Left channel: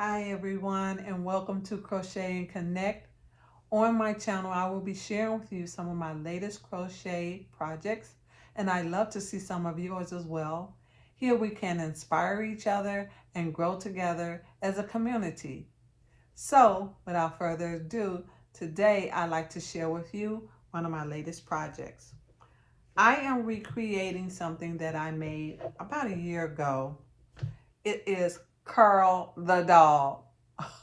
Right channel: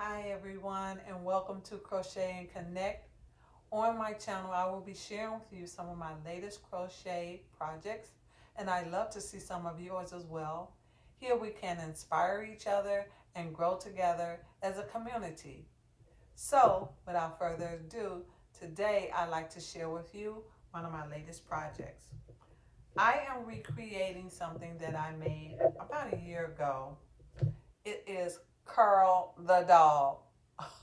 Hi everyone, and welcome to Crochet and Connect. On my channel I will be sharing with you some of my latest crochet projects, and I love to see some of yours as well. Here we can inspire each other and grow together as a community. So without further ado, today I'd like to share with you one of my latest projects. I am recreating something that I made about a year ago. It is Curl the dog.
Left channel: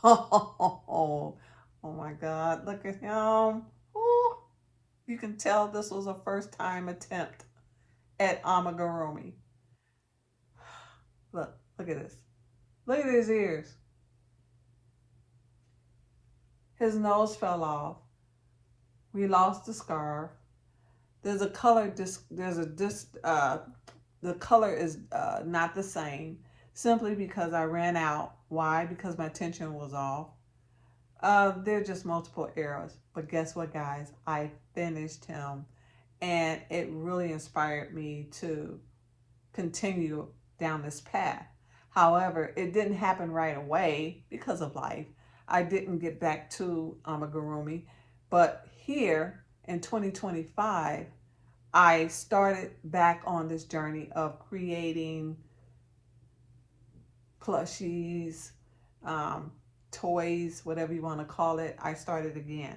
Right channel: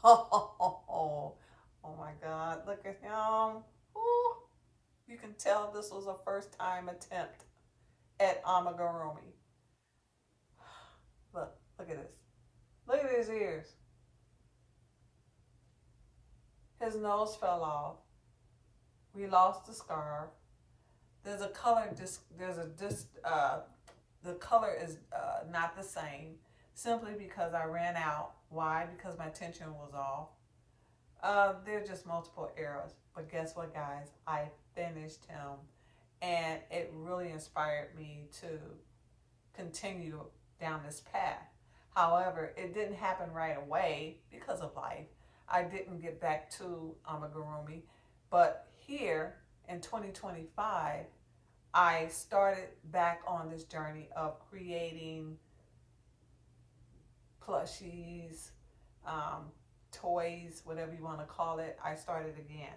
Oh my God, look at him. Ooh, you can tell this was a first time attempt at amigurumi. Look at this. Look at his ears. His nose fell off. We lost the scarf. There's a color, the color is not the same simply because I ran out. Why? Because my tension was off. There are just multiple errors. But guess what, guys? I finished him, and it really inspired me to continue down this path. However, it didn't happen right away because of life. I didn't get back to amigurumi, but here in 2025, I started back on this journey of creating plushies, toys, whatever you want to call it. I started again.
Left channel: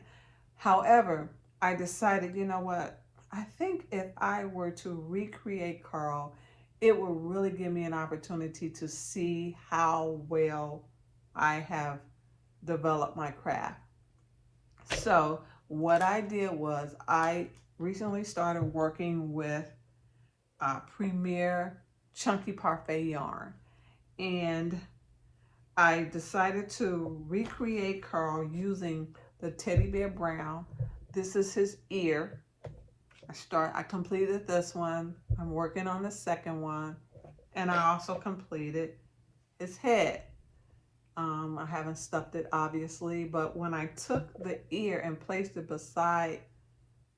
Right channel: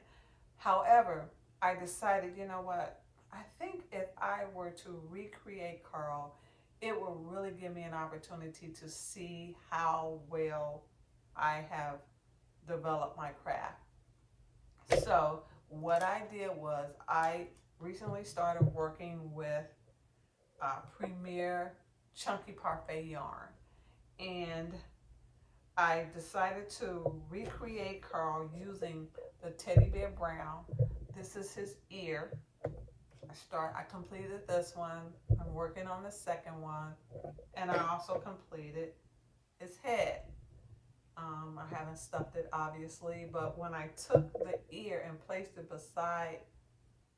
However, I decided, you know what? I think if I were to recreate Carl, it will really give me an opportunity to see how well I have developed my craft. So what I did was I recently started working with Premier Chunky Parfait yarn, and I decided to recreate Carl using the teddy bear brown. This is his ear. I completed this one. I'm working on the second one, and I also completed his head. I haven't stuffed it obviously, but when I took the ear and placed it beside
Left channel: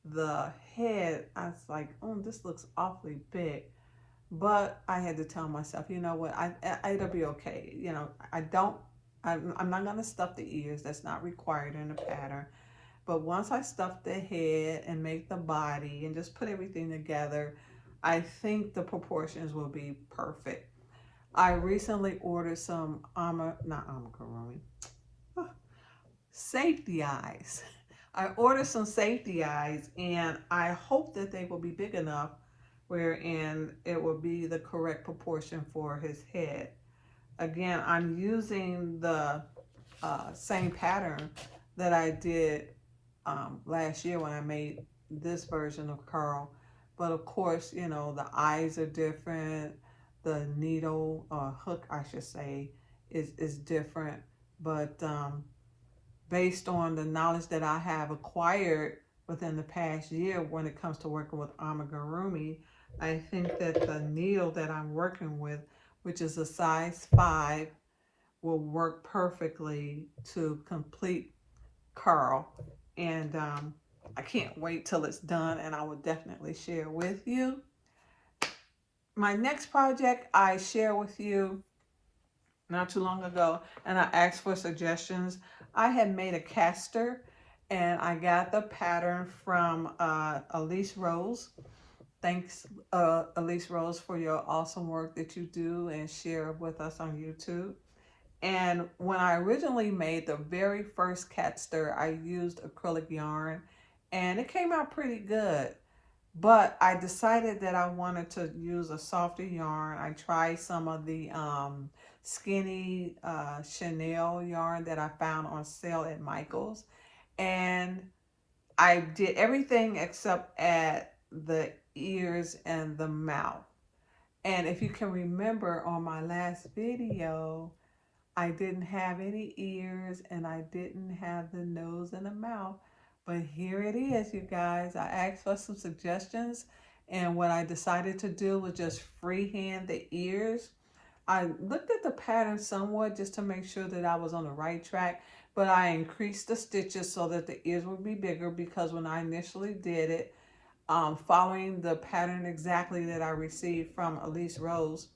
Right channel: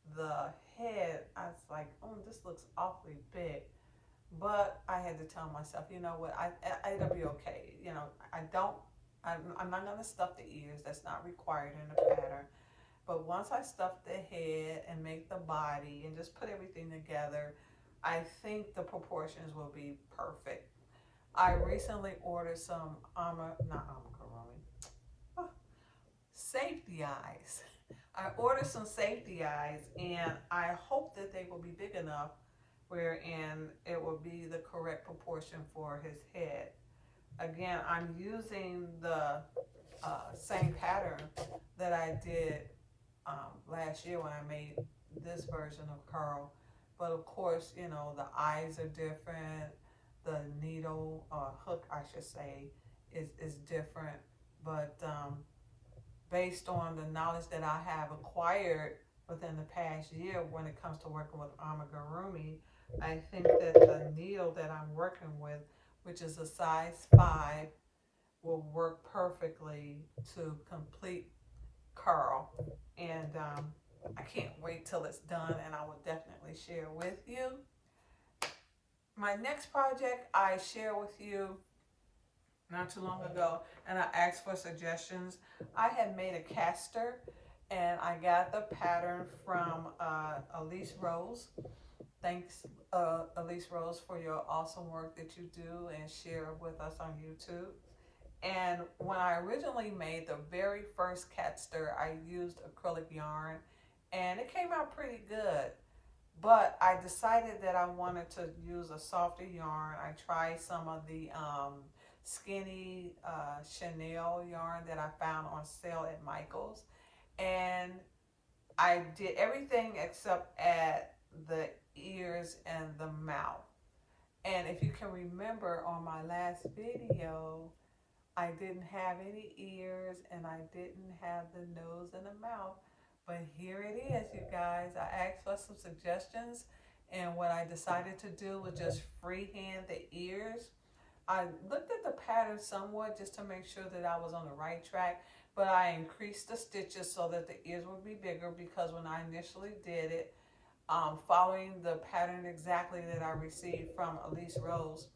the head, I was like, oh, this looks awfully big. But I had to tell myself, you know what, it'll be okay. You know, I'm not gonna stuff the ears. That's not required in the pattern. But once I stuff the head and make the body and just put everything together, I think the proportions will be perfect. I recently ordered some safety eyes. I ordered some safety eyes, and I hope that they will be big enough wherein it will be the correct proportion for his head. Again, I'm using the same pattern that I did last year when I made this version of Carl. But of course, you know, the eyes are different. The needle, hook, I should say, is different. But based on the knowledge that I have acquired within the past year when it comes to working with amigurumi, I think that the needle that I'm working with, which is a size 5, will work perfectly to complete Carl. And I can't wait till it's done, and I will definitely share with you. My next project I share with you not too long ago, and I asked for suggestions. I had made a caster, and I got the pattern from Elise Rose. Thanks, Elise Rose, for your awesome work that you do and share with us on YouTube. And when I originally made the very first caster, I used acrylic yarn, and it came out pretty good. But I decided that I wanted to use a softer yarn. I tried some of the skinny Chanel yarn that I found on sale at Michael's, and I did everything except add the ears and the mouth. And if you can remember on my last video, I didn't have any ears and I didn't have the nose and the mouth. But here it is, you guys. I asked for some suggestions, and what I decided to do was just freehand the ears. I looked at the pattern somewhat just to make sure that I was on the right track, but I increased the stitches so that the ears would be bigger, because when I initially did it, following the pattern exactly that I received from Elise Rose,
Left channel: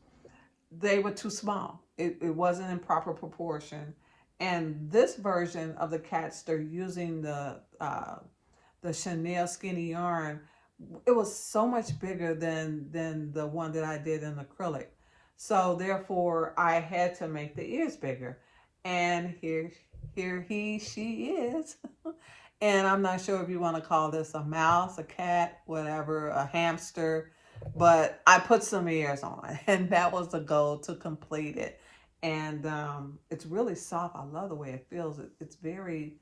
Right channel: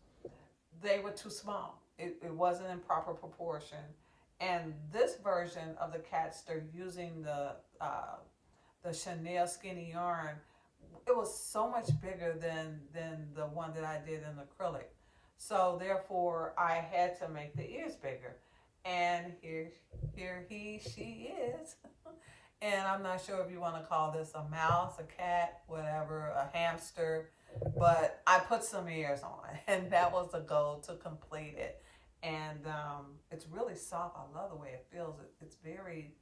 they were too small. it wasn't in proper proportion. And this version of the catster using the Chanel skinny yarn, it was so much bigger than the one that I did in acrylic. So therefore I had to make the ears bigger. And she is. And I'm not sure if you want to call this a mouse, a cat, whatever, a hamster, but I put some ears on, and that was the goal, to complete it. And it's really soft. I love the way it feels. It's very,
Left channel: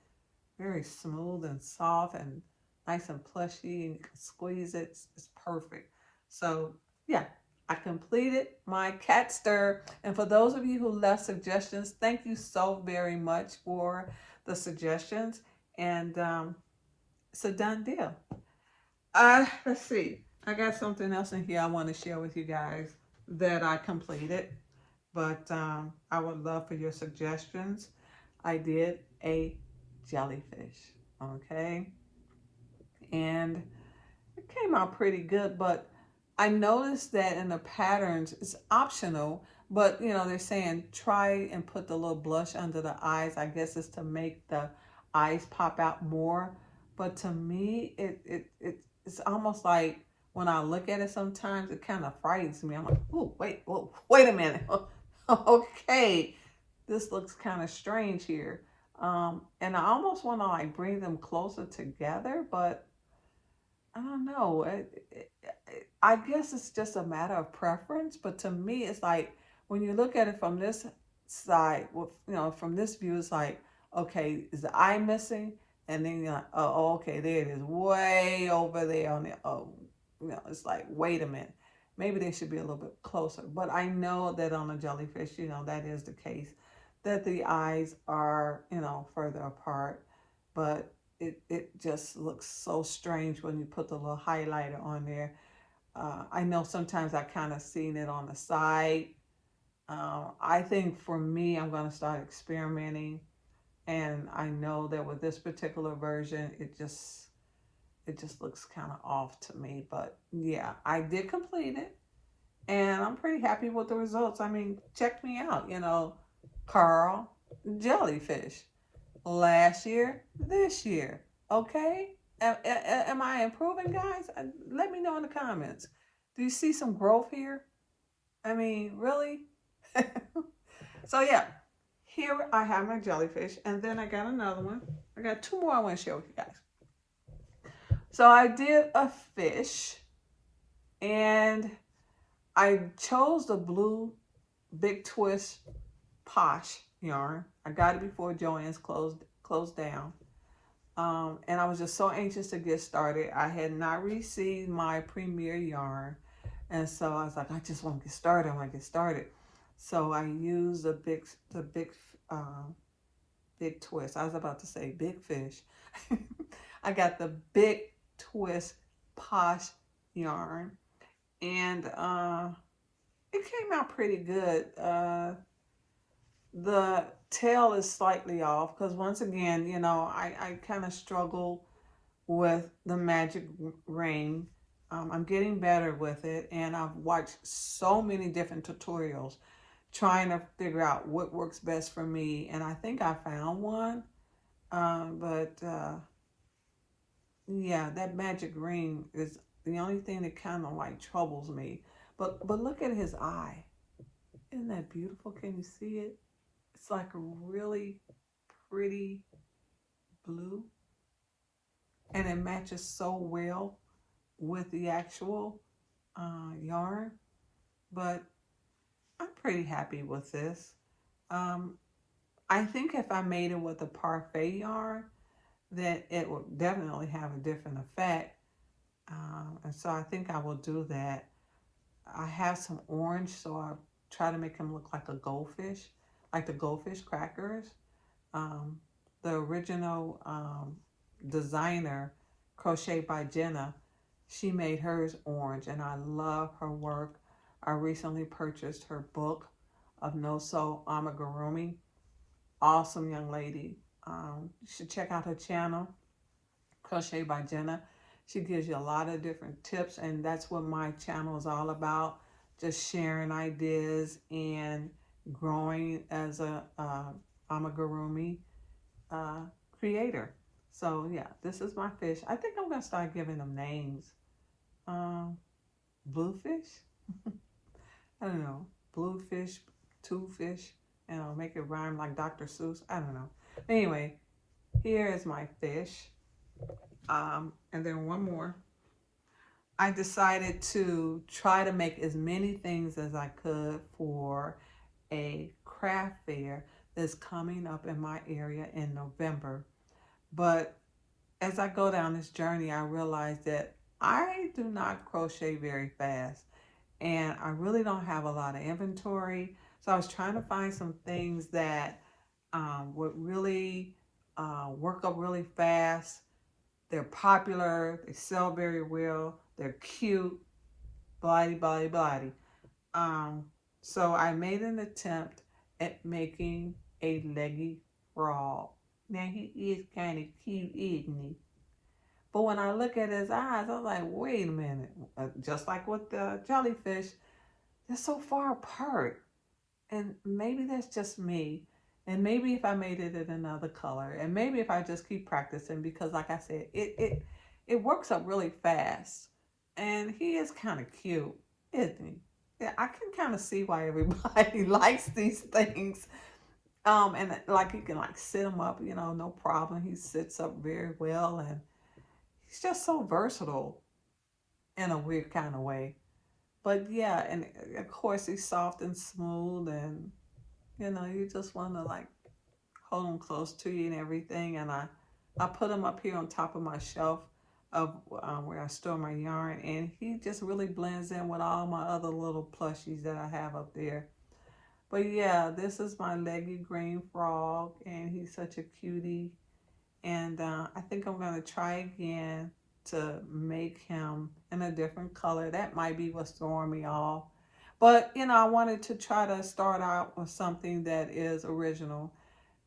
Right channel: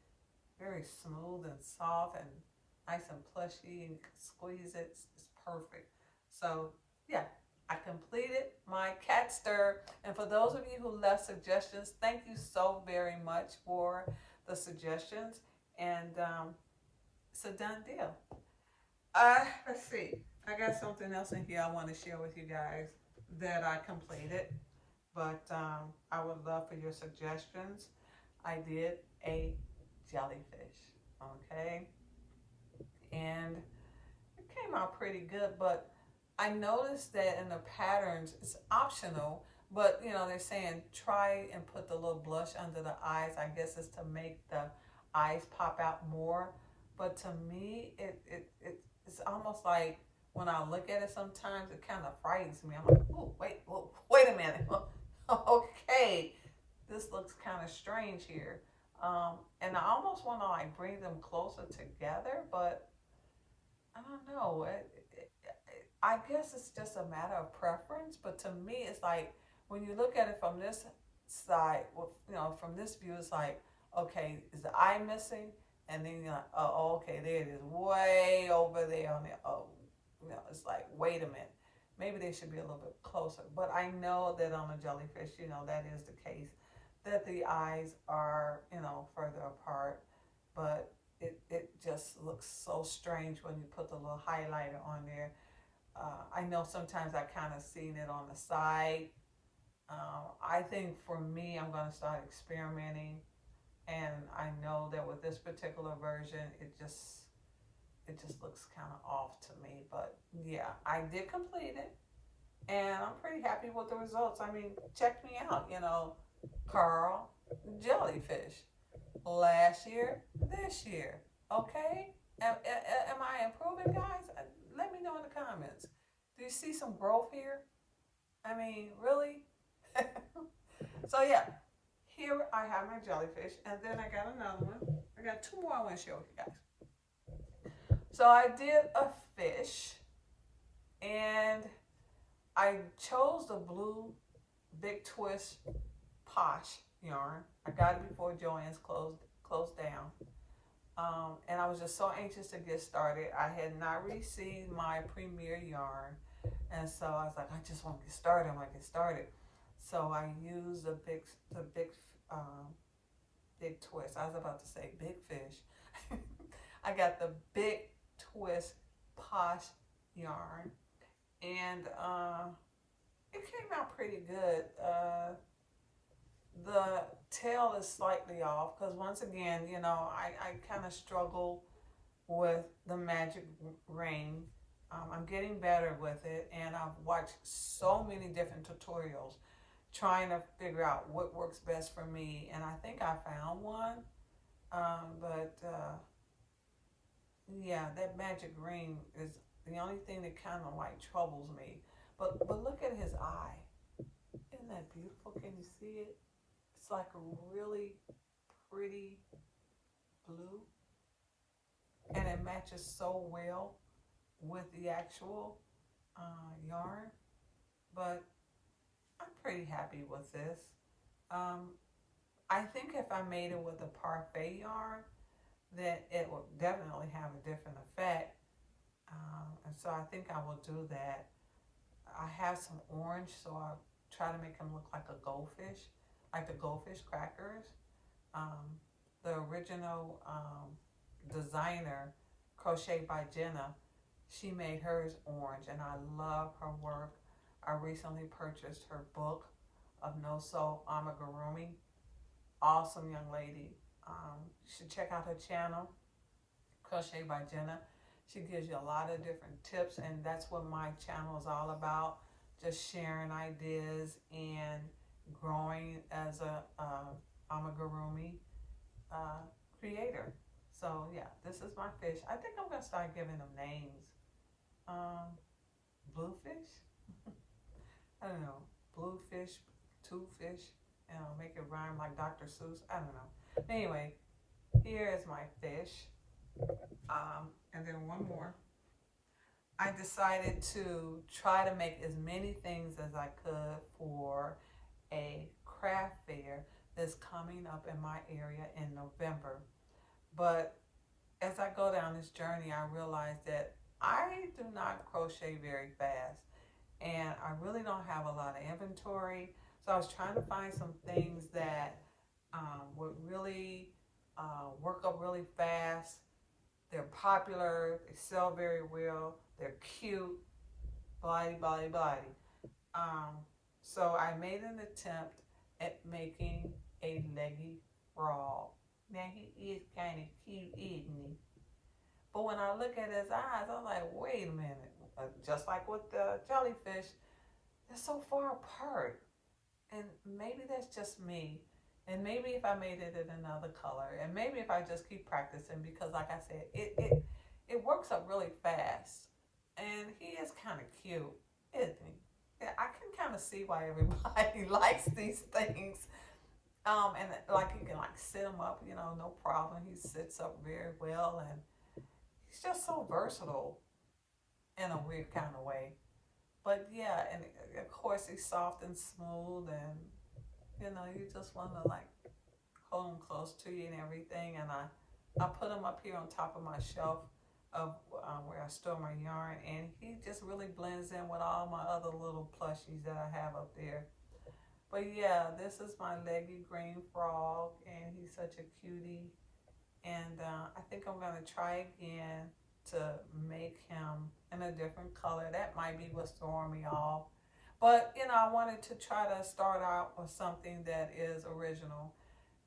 very smooth and soft and nice and plushy, and you can squeeze it. It's perfect. So yeah, I completed my cat stir. And for those of you who left suggestions, thank you so very much for the suggestions. And it's a done deal. Let's see. I got something else in here I want to share with you guys that I completed, but I would love for your suggestions. I did a jellyfish, okay? And it came out pretty good, but I noticed that in the patterns, it's optional, but you know, they're saying try and put the little blush under the eyes. I guess it's to make the eyes pop out more. But to me, it's almost like when I look at it sometimes, it kind of frightens me. I'm like, oh, wait a minute. Okay, this looks kind of strange here. And I almost want to like bring them closer together, but I don't know. I guess it's just a matter of preference, but to me, it's like when you look at it from this side, you know, from this view, it's like, okay, is the eye missing? And then you're like, oh, okay, there it is, way over there on the, oh, you know, it's like, wait a minute, maybe they should be a little bit closer. But I know that on a jellyfish, you know, that is the case, that the eyes are, you know, further apart. But it just looks so strange when you put the little highlighter on there. I know sometimes I kind of seen it on the side. I think for me, I'm going to start experimenting. And I know that with this particular version, it just looks kind of off to me. But yeah, I did complete it. And I'm pretty happy with the results. I mean, check me out, you know, Carl, jellyfish. Last year, this year, okay? Am I improving, guys? Let me know in the comments. Do you see some growth here? I mean, really? So yeah, here I have my jellyfish, and then I got another one. I got two more I want to share with you guys. So I did a fish, and I chose the blue Big Twist Posh yarn. I got it before Joann's closed down. And I was just so anxious to get started. I had not received my premier yarn. And so I was like, I just want to get started. I want to get started. So I used the big twist. I was about to say big fish. I got the Big Twist Posh yarn. And it came out pretty good. The tail is slightly off because once again, you know, I kind of struggle with the magic ring. I'm getting better with it, and I've watched so many different tutorials trying to figure out what works best for me, and I think I found one. Yeah, that magic ring is the only thing that kind of like troubles me. But look at his eye. Isn't that beautiful? Can you see it? It's like a really pretty blue, and it matches so well with the actual yarn. But I'm pretty happy with this. I think if I made it with a parfait yarn, then it would definitely have a different effect. And so I think I will do that. I have some orange, so I'll try to make him look like a goldfish, like the goldfish crackers. The original designer, Crochet by Jenna, she made hers orange, and I love her work. I recently purchased her book of no-sew amigurumi. Awesome young lady. You should check out her channel, Crochet by Jenna. She gives you a lot of different tips, and that's what my channel is all about. Just sharing ideas and growing as a amigurumi creator. So yeah, this is my fish. I think I'm gonna start giving them names. Um, Bluefish. I don't know. Bluefish, two fish. Make it rhyme like Dr. Seuss. I don't know. Anyway, here is my fish. And then one more. I decided to try to make as many things as I could for a craft fair that's coming up in my area in November. But as I go down this journey, I realize that I do not crochet very fast and I really don't have a lot of inventory. So I was trying to find some things that would really work up really fast. They're popular, they sell very well, they're cute, blighty, blighty, blighty. Um, so I made an attempt at making a leggy frog. Now he is kind of cute, isn't he? But when I look at his eyes, I was like, wait a minute. Just like with the jellyfish, they're so far apart. And maybe that's just me. And maybe if I made it in another color, and maybe if I just keep practicing, because like I said, it works up really fast. And he is kind of cute, isn't he? Yeah, I can kind of see why everybody likes these things. And like you can like sit him up, no problem. He sits up very well, and he's just so versatile in a weird kind of way. But yeah, and of course he's soft and smooth, and you just want to like hold him close to you and everything. And I put him up here on top of my shelf of where I store my yarn, and he just really blends in with all my other little plushies that I have up there. But yeah, this is my leggy green frog, and he's such a cutie. And I think I'm going to try again to make him in a different color. That might be what's throwing me off. But, I wanted to try to start out with something that is original.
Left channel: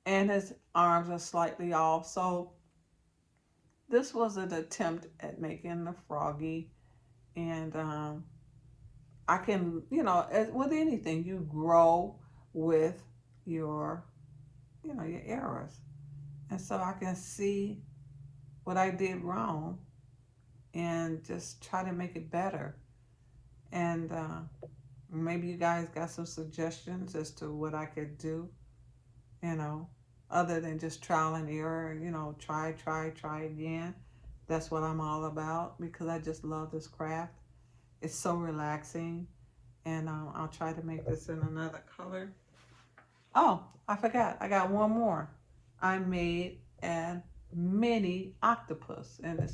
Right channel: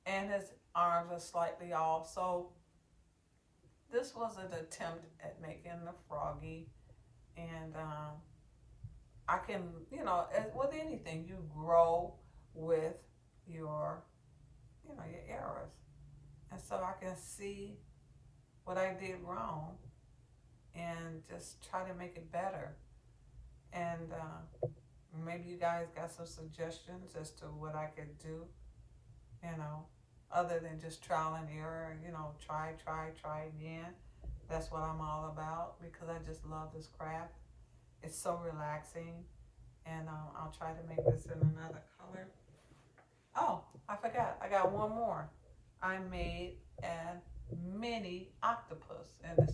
And his arms are slightly off. So this was an attempt at making the froggy. And I can, as with anything, you grow with your, your errors. And so I can see what I did wrong and just try to make it better. And maybe you guys got some suggestions as to what I could do, other than just trial and error, try again. That's what I'm all about, because I just love this craft. It's so relaxing. And I'll try to make this in another color. Oh, I forgot. I got one more. I made a mini octopus, and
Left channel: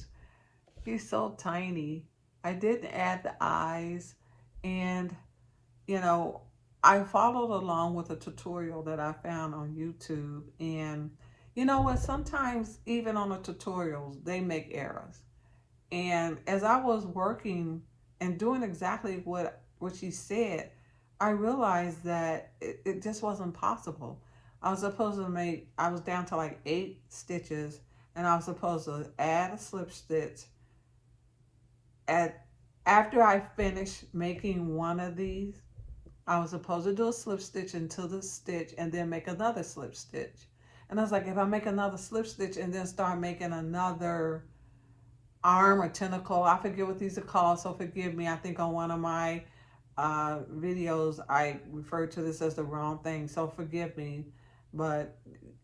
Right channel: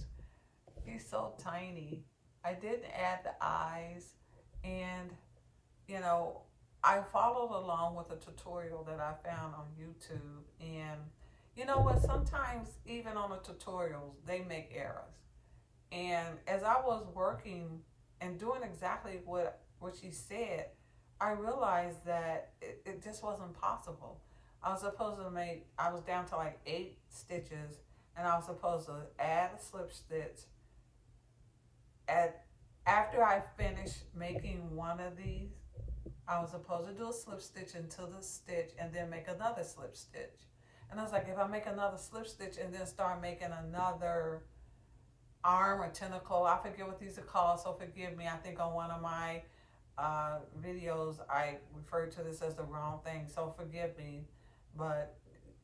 he's so tiny. I didn't add the eyes, and I followed along with a tutorial that I found on YouTube. And you know what, sometimes even on the tutorials they make errors. And as I was working and doing exactly what she said, I realized that it just wasn't possible. I was down to like 8 stitches, and I was supposed to add a slip stitch after I finished making one of these. I was supposed to do a slip stitch into the stitch and then make another slip stitch. And I was like, if I make another slip stitch and then start making another arm or tentacle, I forget what these are called, so forgive me. I think on one of my videos I referred to this as the wrong thing, so forgive me. But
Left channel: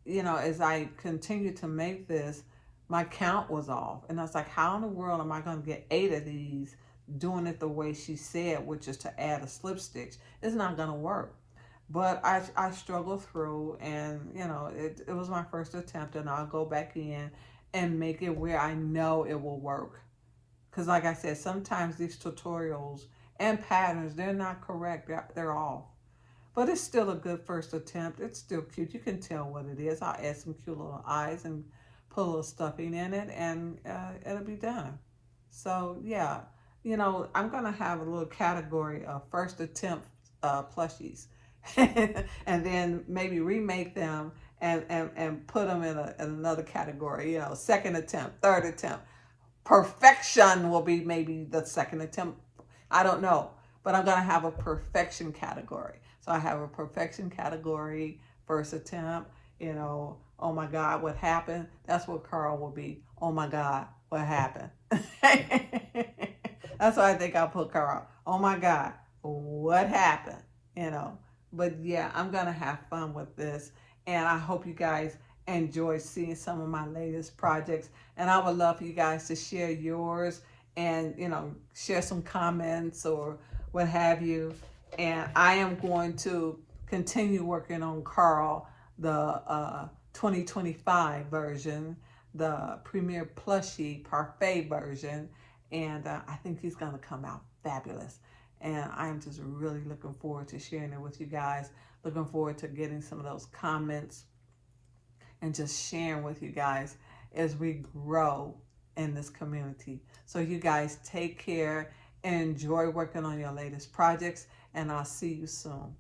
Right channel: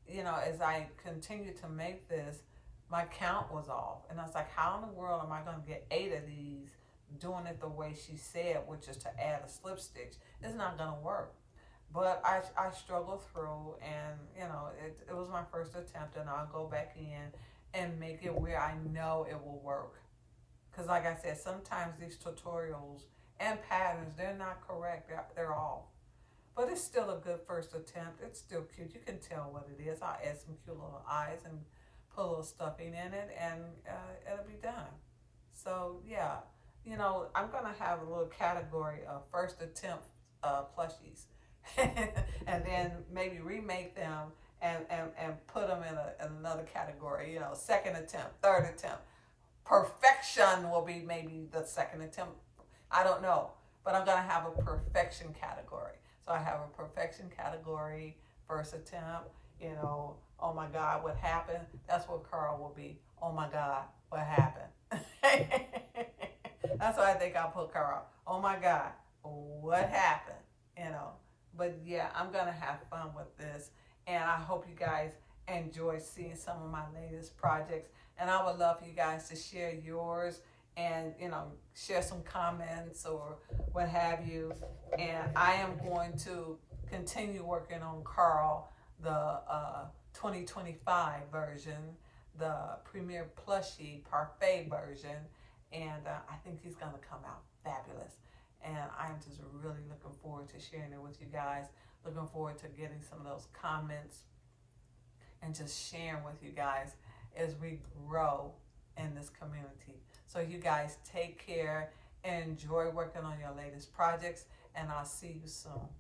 as I continued to make this, my count was off, and I was like, how in the world am I going to get 8 of these doing it the way she said, which is to add a slip stitch? It's not going to work. But I struggled through, and it was my first attempt, and I'll go back in and make it where I know it will work. Because like I said, sometimes these tutorials and patterns, they're not correct. They're off. But it's still a good first attempt. It's still cute. You can tell what it is. I'll add some cute little eyes and put a little stuffing in it, and it'll be done. So yeah, I'm going to have a little category of first attempt plushies. And then maybe remake them and put them in another category, second attempt, third attempt. Perfection will be maybe the second attempt. I don't know, but I'm going to have a perfection category. So I have a perfection category, first attempt, you know, oh my God, what happened? That's what Carl will be. Oh my God, what happened? That's why I think I'll put Carl. Oh my God, what happened? You know, but yeah, I'm going to have fun with this. And I hope you guys enjoy seeing some of my latest projects. And I would love for you guys to share yours and, you know, share some comments or what have you. And I am going to continue working on Carl, the 2025 version, the Premier Plushie Parfait version. And I think he's going to come out fabulous. And I am just really looking forward to sharing it with you guys. Looking forward to getting some of those comments and just sharing with you guys as we grow in this community. So you guys take care and enjoy working on your latest projects, and I'll see you soon.